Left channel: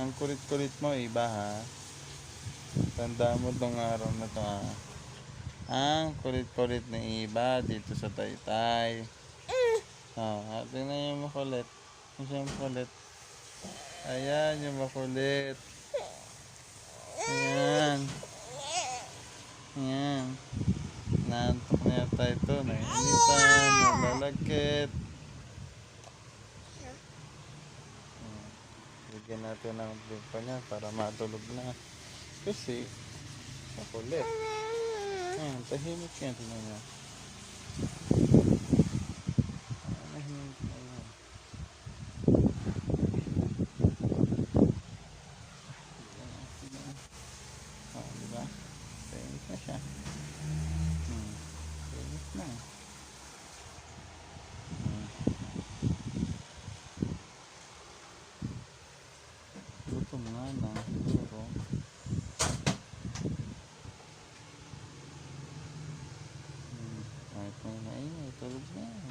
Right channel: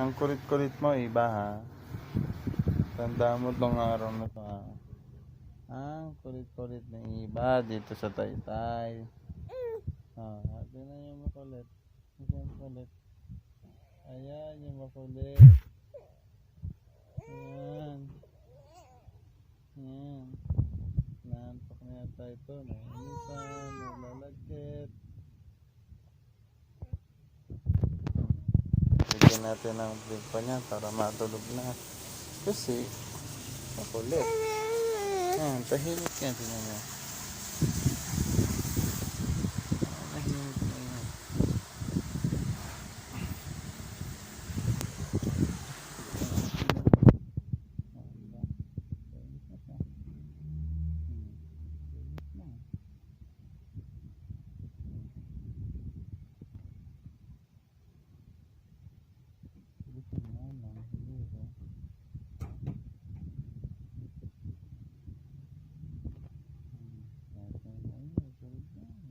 Ang kulit-kulit mo, iba ha. Tanda mo tong araw na to ha. Ang kulit-kulit na iba dito sa Taytay. Tingnan yung makulit. Yung makulit. Ayan yung makulit. Ayan. Ayan. Naantok na yata ito. Nainitan. Nalalagkit. Bigyan natin ng bib pa niya para matulog na. Kasi makulit. Ayan. Tahimik yan. Tingnan mo. Diba? Tahimik na siya. Tahimik na. Gutom nga na. Siguro. Kahit may naingay, tulog na.